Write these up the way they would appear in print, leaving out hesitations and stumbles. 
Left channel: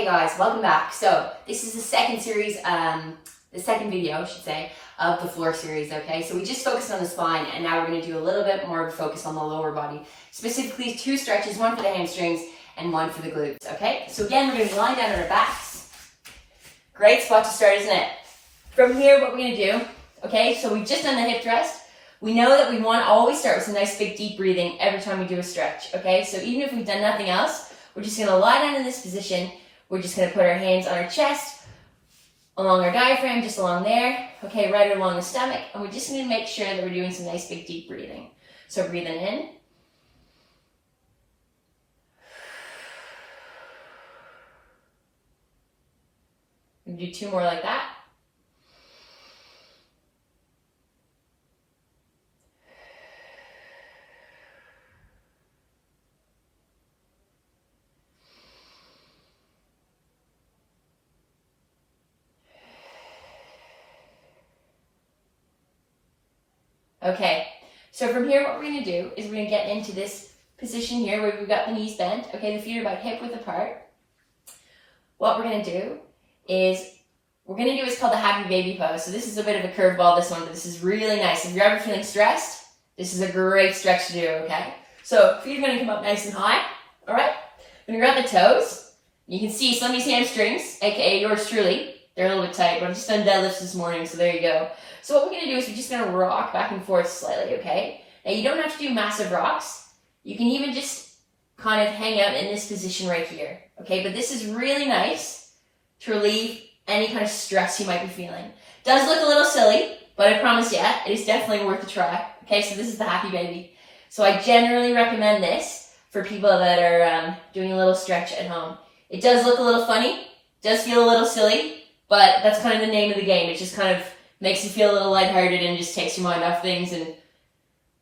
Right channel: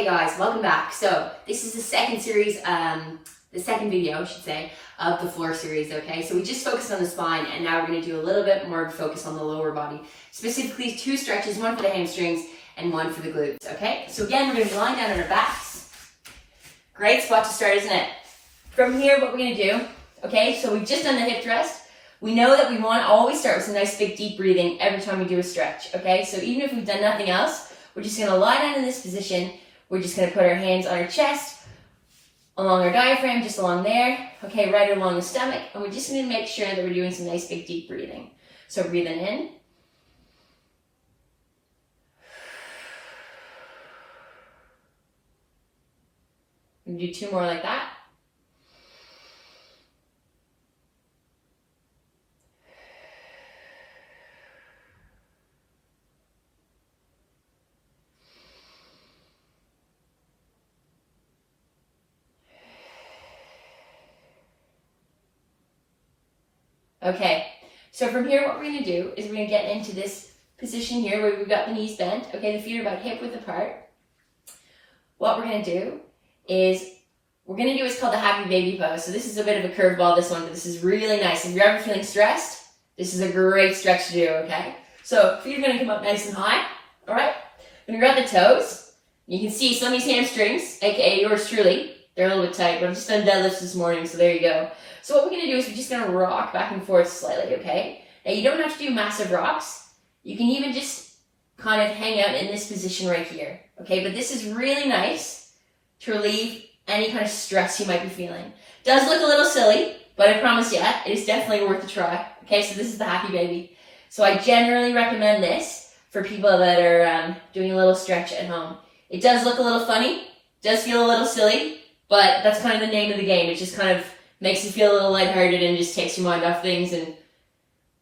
Okay guys, welcome back. So this is the second series, the second video I should say, of the floor series, okay? So we just focused on the spine and now we're going to do a little bit more of a focus on the lower body. Specifically 2 stretches, one for the hamstrings and one for the glutes, okay? So again, we're going to lie down on our backs. Great spot to start, isn't it? From here, what we're going to do, okay, so we've just done the hip thrust. We know that we want to always start with some nice big deep breathing every time we do a stretch, okay? So even if we've done nothing else, we're just going to lie down in this position. We're just going to put our hands on our chest, along our diaphragm, just along there, okay, right along the stomach. And we're just going to make sure that we're doing some nice big deep breathing. So breathing in. We do 2 more like that. Okay, so from here what we're going to do is we're going to get into this position here where we've got the knees bent. Okay, the feet are about hip width apart. What we're going to do is we're going to do what's called the happy baby pose. So this is a bit of a curveball, this one, but this is really nice. If you're ever feeling stressed, this is a great stretch to do, okay? So feet are going to come up nice and high, all right? When you're at the toes, you can see some of these hamstrings, aka yours truly, they're a little bit tight. We're just done deadlifts this morning, so there you go. So what we're going to do is we're just going to rock back and forth slightly, okay? Now you don't have to do massive rocks. You can even just kind of hang out in this position right here, okay? But this is really nice to relieve any kind of stress you might be feeling. Does look a little silly, but I promise you, it is definitely worth a try. Okay, so this is the happy baby. So I generally recommend this for people that are doing a little stretch at home. It does look a little funny, does feel a little silly, but that's kind of the name of the game. It just kind of makes you feel a little lighthearted and just takes your mind off things, and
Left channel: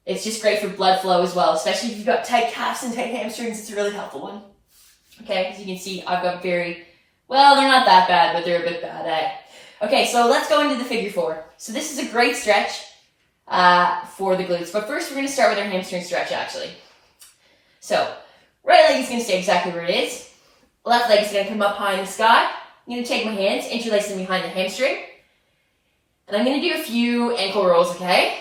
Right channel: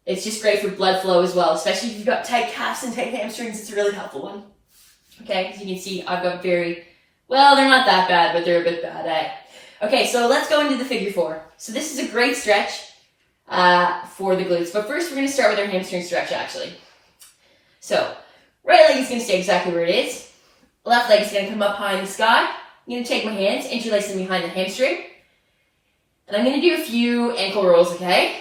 it's just great for blood flow as well, especially if you've got tight calves and tight hamstrings. It's a really helpful one. Okay, as you can see, I've got well, they're not that bad, but they're a bit bad, eh? Okay, so let's go into the figure 4. So this is a great stretch for the glutes, but first we're going to start with our hamstring stretch, actually. So, right leg is going to stay exactly where it is. Left leg is going to come up high in the sky. I'm going to take my hands, interlace them behind the hamstring. And I'm going to do a few ankle rolls, okay?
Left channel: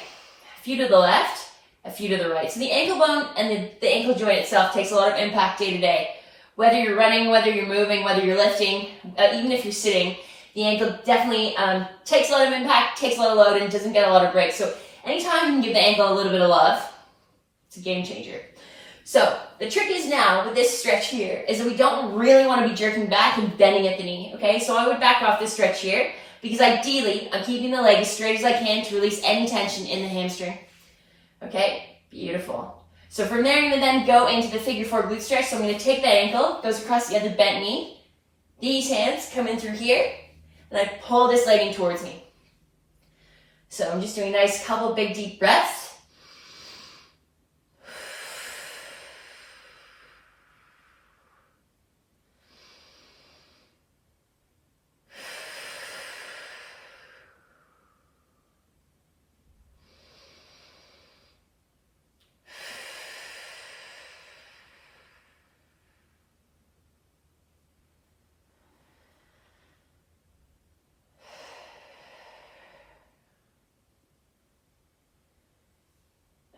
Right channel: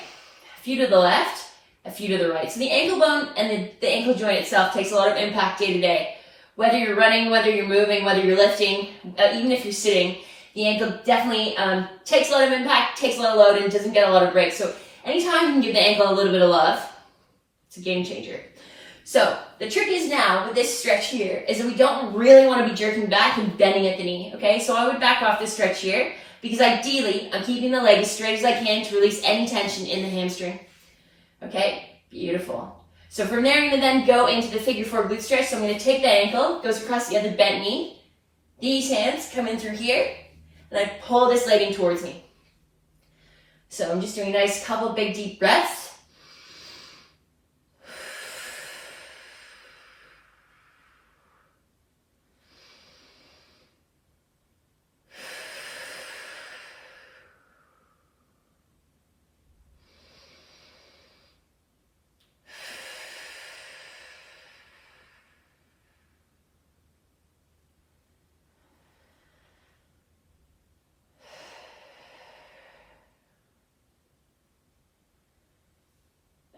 A few to the left, a few to the right. So the ankle bone and the ankle joint itself takes a lot of impact day to day. Whether you're running, whether you're moving, whether you're lifting, even if you're sitting, the ankle definitely takes a lot of impact, takes a lot of load, and doesn't get a lot of breaks. So anytime you can give the ankle a little bit of love, it's a game changer. So the trick is now with this stretch here is that we don't really want to be jerking back and bending at the knee, okay? So I would back off this stretch here because ideally I'm keeping the leg as straight as I can to release any tension in the hamstring. Okay, beautiful. So from there, I'm going to then go into the figure 4 glute stretch. So I'm going to take that ankle, goes across the other bent knee. These hands come in through here, and I pull this leg in towards me. So I'm just doing a nice couple big deep breaths.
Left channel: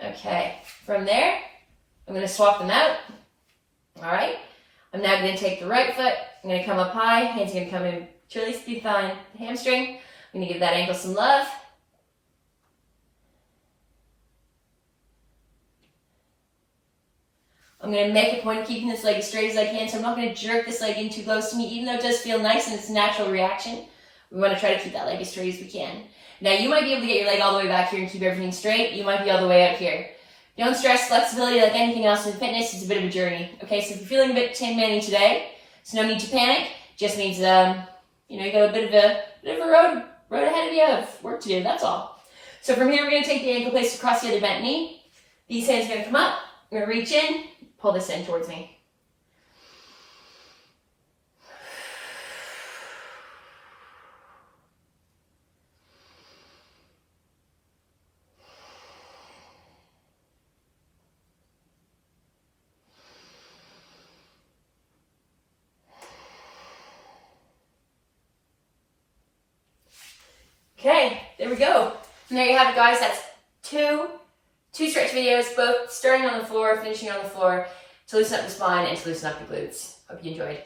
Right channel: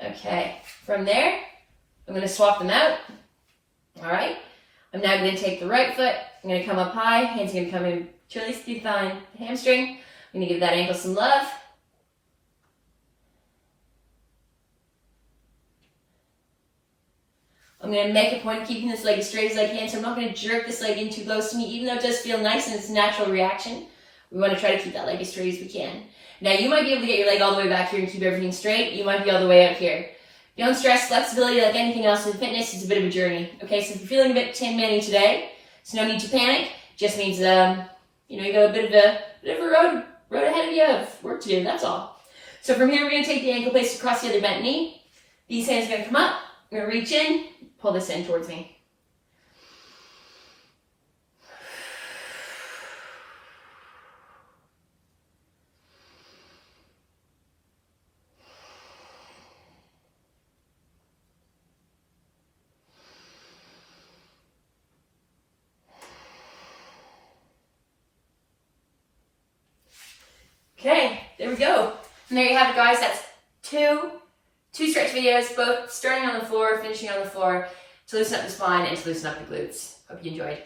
Okay, from there, I'm going to swap them out. All right, I'm now going to take the right foot. I'm going to come up high. Hands going to come in to release the thigh, the hamstring. I'm going to give that ankle some love. I'm going to make a point of keeping this leg as straight as I can, so I'm not going to jerk this leg in too close to me, even though it does feel nice and it's a natural reaction. We want to try to keep that leg as straight as we can. Now, you might be able to get your leg all the way back here and keep everything straight. You might be all the way up here. Don't stress flexibility like anything else in fitness. It's a bit of a journey. Okay, so if you're feeling a bit Tin Manny today, it's no need to panic. Just means, you got a bit of a road ahead of you of work to do. That's all. So from here, we're going to take the ankle placed across the other bent knee. These hands are going to come up. I'm going to reach in, pull this in towards me. Okay, there we go. And there you have it, guys. That's two stretch videos, both starting on the floor, finishing on the floor, to loosen up the spine and to loosen up the glutes. Hope you enjoyed.